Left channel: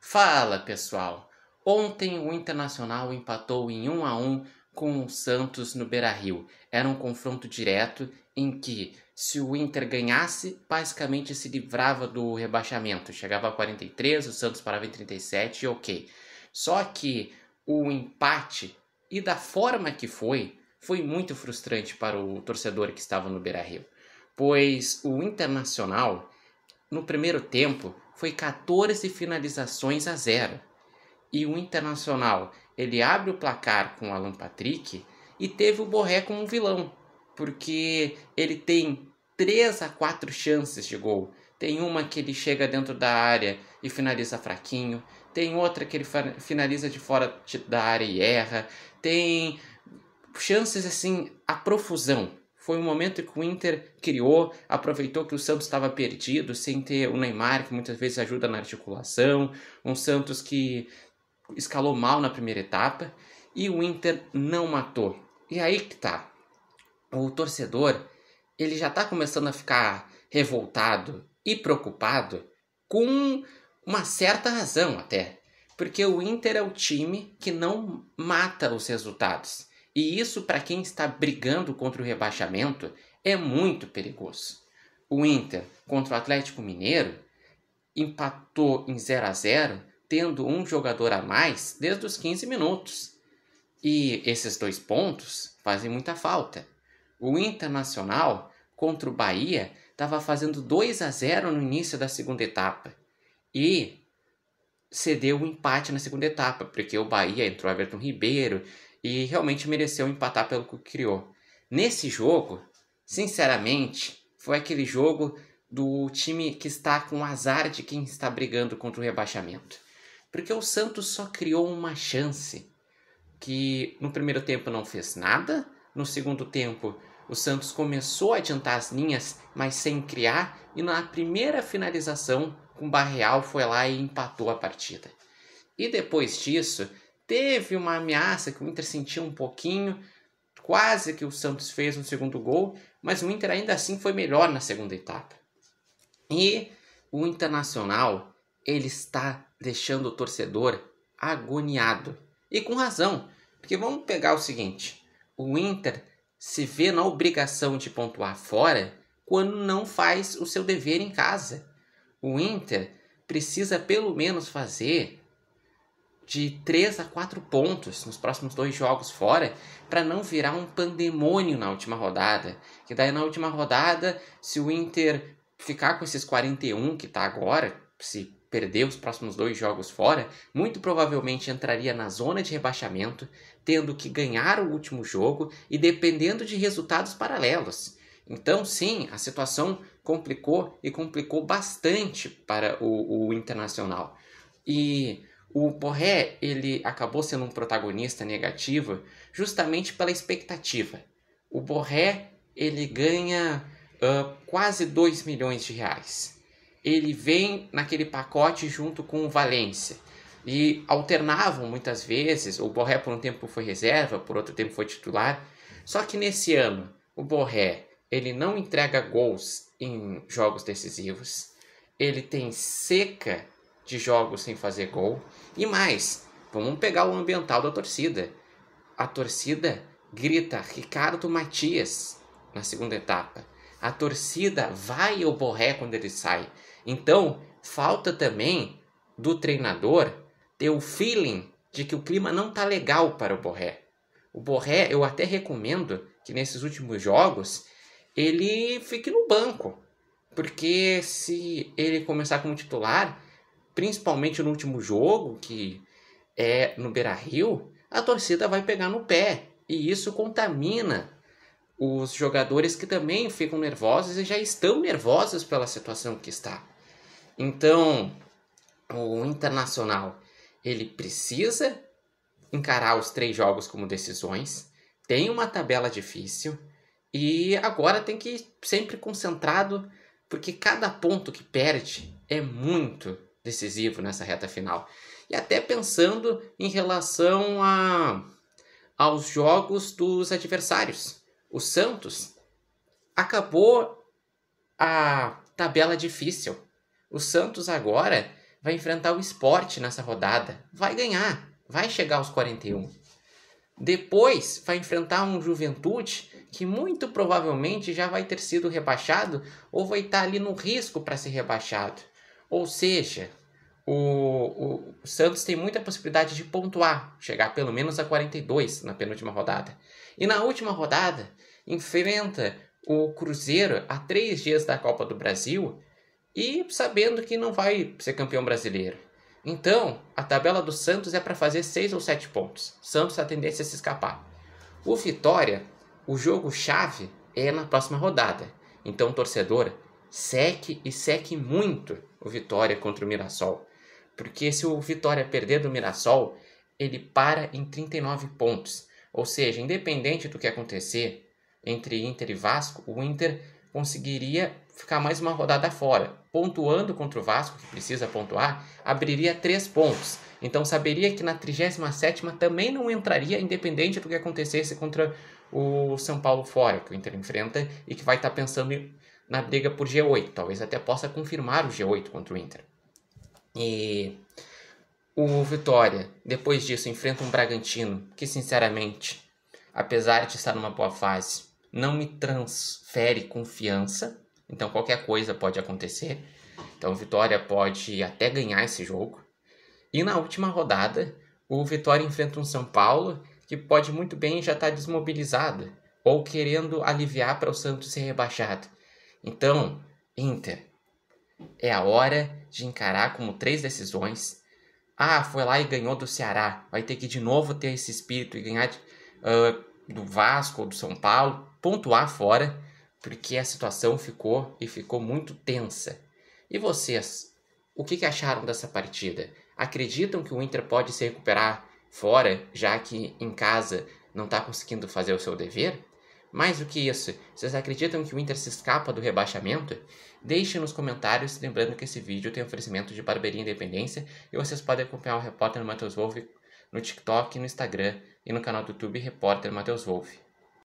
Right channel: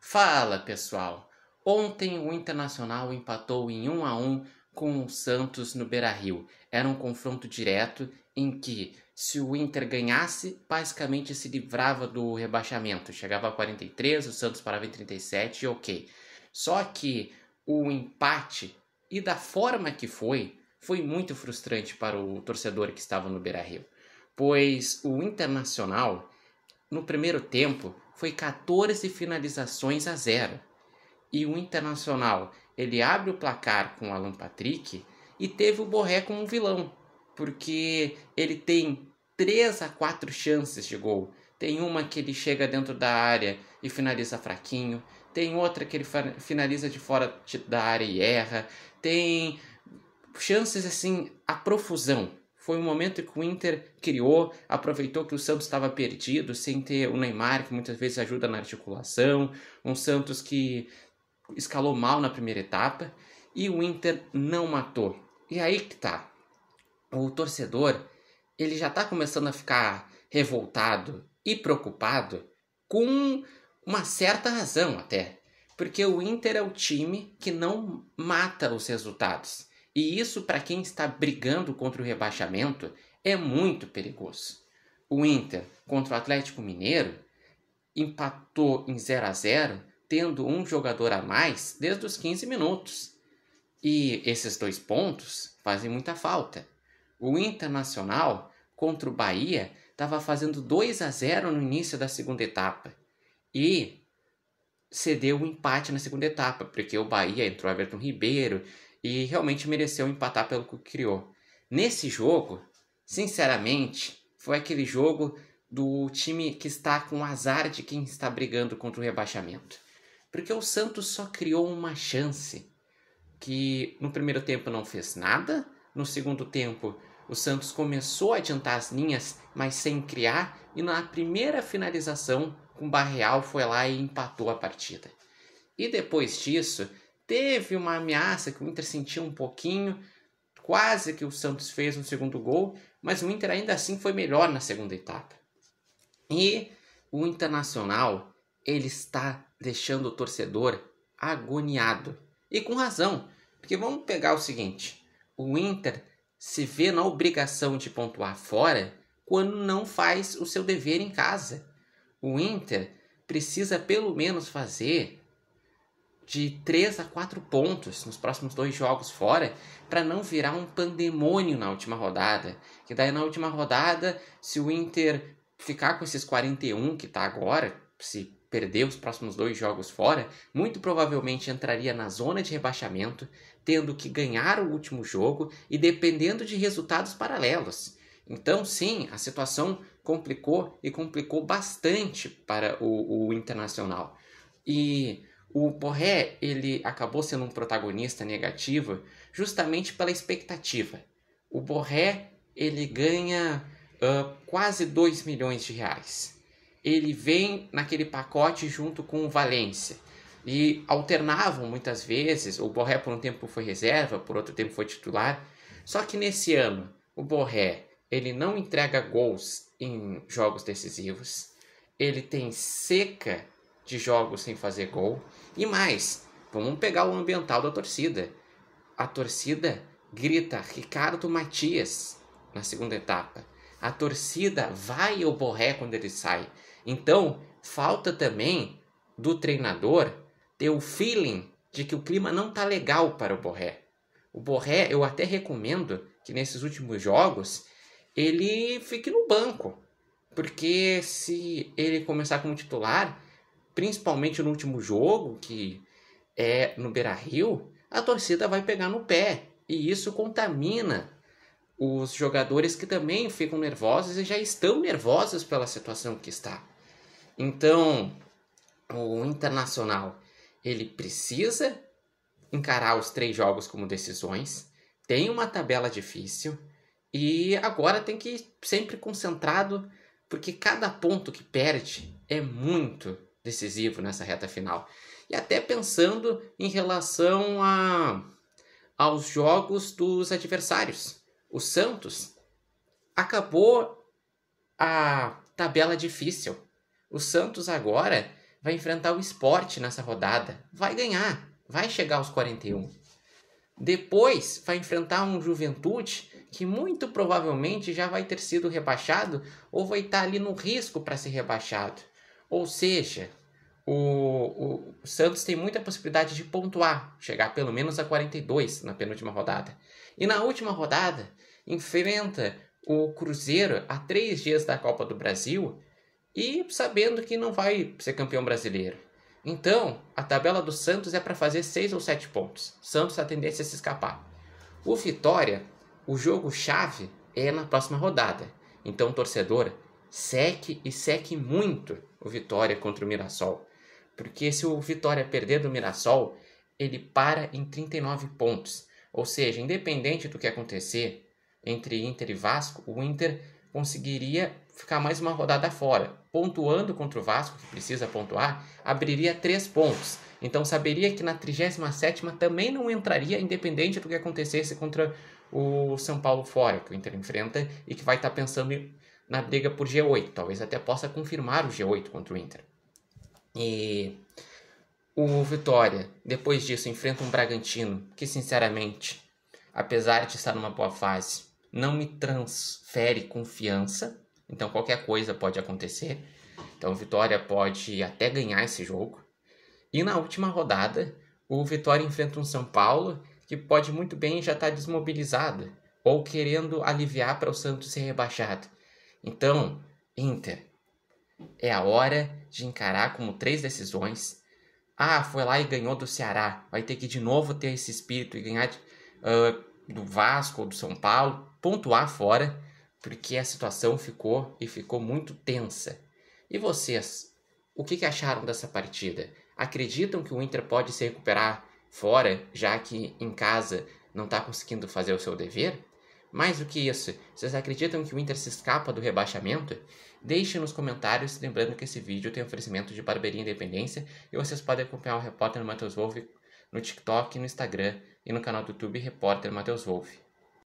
Fala, pessoal! Ontem o Internacional empatou em 1-1 com o Santos no Beira-Rio. Era um confronto direto em que, se o Inter ganhasse, basicamente se livrava do rebaixamento. Chegava a 43, o Santos parava em 37 e ok. Só que o empate, e da forma que foi muito frustrante para o torcedor que estava no Beira-Rio. Pois o Internacional, no primeiro tempo, foi 14 finalizações a 0. E o Internacional, ele abre o placar com o Alan Patrick e teve o Borré como um vilão, porque ele tem 3 a 4 chances de gol. Tem uma que ele chega dentro da área e finaliza fraquinho, tem outra que ele finaliza de fora da área e erra, tem chances assim a profusão. Foi um momento que o Inter criou, aproveitou que o Santos estava perdido, sem ter o Neymar, que muitas vezes ajuda na articulação, um Santos que escalou mal na primeira etapa, e o Inter não matou. E aí que tá, o torcedor, ele já tá começando a ficar revoltado e preocupado com uma certa razão até, porque o Inter é o time que não mata os resultados. E isso, para quem está brigando contra o rebaixamento, é muito perigoso. O Inter, contra o Atlético Mineiro, empatou em 0-0, tendo um jogador a mais desde os 15 minutos. E esses 2 pontos fazem muita falta. O Internacional, contra o Bahia, estava fazendo 2-0 no início da segunda etapa. E cedeu o empate na segunda etapa, porque o Bahia entrou Everton Ribeiro e realmente mereceu empatar pelo que criou. Nesse jogo, sinceramente, foi aquele jogo do time que está com azar de quem está brigando contra o rebaixamento. Porque o Santos só criou uma chance, que no primeiro tempo não fez nada, no segundo tempo o Santos começou a adiantar as linhas, mas sem criar, e na primeira finalização, com o Barreal foi lá e empatou a partida. E depois disso, teve uma ameaça que o Inter sentiu um pouquinho, quase que o Santos fez um segundo gol, mas o Inter ainda assim foi melhor na segunda etapa. E o Internacional, ele está deixando o torcedor agoniado. E com razão, porque vamos pegar o seguinte, o Inter se vê na obrigação de pontuar fora quando não faz o seu dever em casa. O Inter precisa pelo menos fazer de 3 a 4 pontos nos próximos 2 jogos fora, para não virar um pandemônio na última rodada. Que daí na última rodada, se o Inter ficar com esses 41 que está agora, se perder os próximos 2 jogos fora, muito provavelmente entraria na zona de rebaixamento, tendo que ganhar o último jogo e dependendo de resultados paralelos. Então, sim, a situação complicou bastante para o Internacional. E o Borré, ele acabou sendo um protagonista negativo justamente pela expectativa. O Borré, ele ganha quase 2 milhões de reais. Ele vem naquele pacote junto com o Valência. E alternavam muitas vezes, o Borré por um tempo foi reserva, por outro tempo foi titular. Só que nesse ano, o Borré, ele não entrega gols em jogos decisivos. Ele tem seca de jogos sem fazer gol. E mais, vamos pegar o ambiental da torcida. A torcida grita Ricardo Matias na segunda etapa. A torcida vai ao Borré quando ele sai. Então, falta também do treinador ter o feeling de que o clima não está legal para o Borré. O Borré, eu até recomendo que nesses últimos jogos ele fique no banco. Porque se ele começar como titular, principalmente no último jogo, que é no Beira-Rio, a torcida vai pegar no pé. E isso contamina os jogadores que também ficam nervosos e já estão nervosos pela situação que está. Então, o Internacional, ele precisa encarar os 3 jogos como decisões, tem uma tabela difícil e agora tem que ir sempre concentrado, porque cada ponto que perde é muito decisivo nessa reta final. E até pensando em relação aos jogos dos adversários. O Santos acabou a tabela difícil. O Santos agora vai enfrentar o Sport nessa rodada. Vai ganhar, vai chegar aos 41. Depois vai enfrentar um Juventude que muito provavelmente já vai ter sido rebaixado ou vai estar ali no risco para ser rebaixado. Ou seja, o Santos tem muita possibilidade de pontuar, chegar pelo menos a 42 na penúltima rodada. E na última rodada, enfrenta o Cruzeiro a 3 dias da Copa do Brasil e sabendo que não vai ser campeão brasileiro. Então, a tabela do Santos é para fazer 6 ou 7 pontos. Santos a tendência a se escapar. O Vitória, o jogo-chave é na próxima rodada. Então, torcedor, seque muito o Vitória contra o Mirassol. Porque se o Vitória perder do Mirassol, ele para em 39 pontos. Ou seja, independente do que acontecer entre Inter e Vasco, o Inter conseguiria ficar mais uma rodada fora. Pontuando contra o Vasco, que precisa pontuar, abriria 3 pontos. Então saberia que na 37ª também não entraria, independente do que acontecesse contra o São Paulo fora, que o Inter enfrenta e que vai estar pensando na briga por G8. Talvez até possa confirmar o G8 contra o Inter. E o Vitória, depois disso, enfrenta um Bragantino que, sinceramente, apesar de estar numa boa fase, não me transfere confiança. Então qualquer coisa pode acontecer. Então o Vitória pode até ganhar esse jogo. E na última rodada, o Vitória enfrenta um São Paulo que pode muito bem já estar desmobilizado ou querendo aliviar para o Santos ser rebaixado. Então, Inter, é a hora de encarar como 3 decisões. Foi lá e ganhou do Ceará. Vai ter que de novo ter esse espírito e ganhar do Vasco ou do São Paulo, pontuar fora, porque a situação ficou muito tensa. E vocês, o que acharam dessa partida? Acreditam que o Inter pode se recuperar fora, já que em casa não está conseguindo fazer o seu dever? Mais do que isso, vocês acreditam que o Inter se escapa do rebaixamento? Deixe nos comentários, lembrando que esse vídeo tem oferecimento de Barbearia Independência e vocês podem acompanhar o repórter Matheus Wolff no TikTok, no Instagram e no canal do YouTube Repórter Matheus Wolff.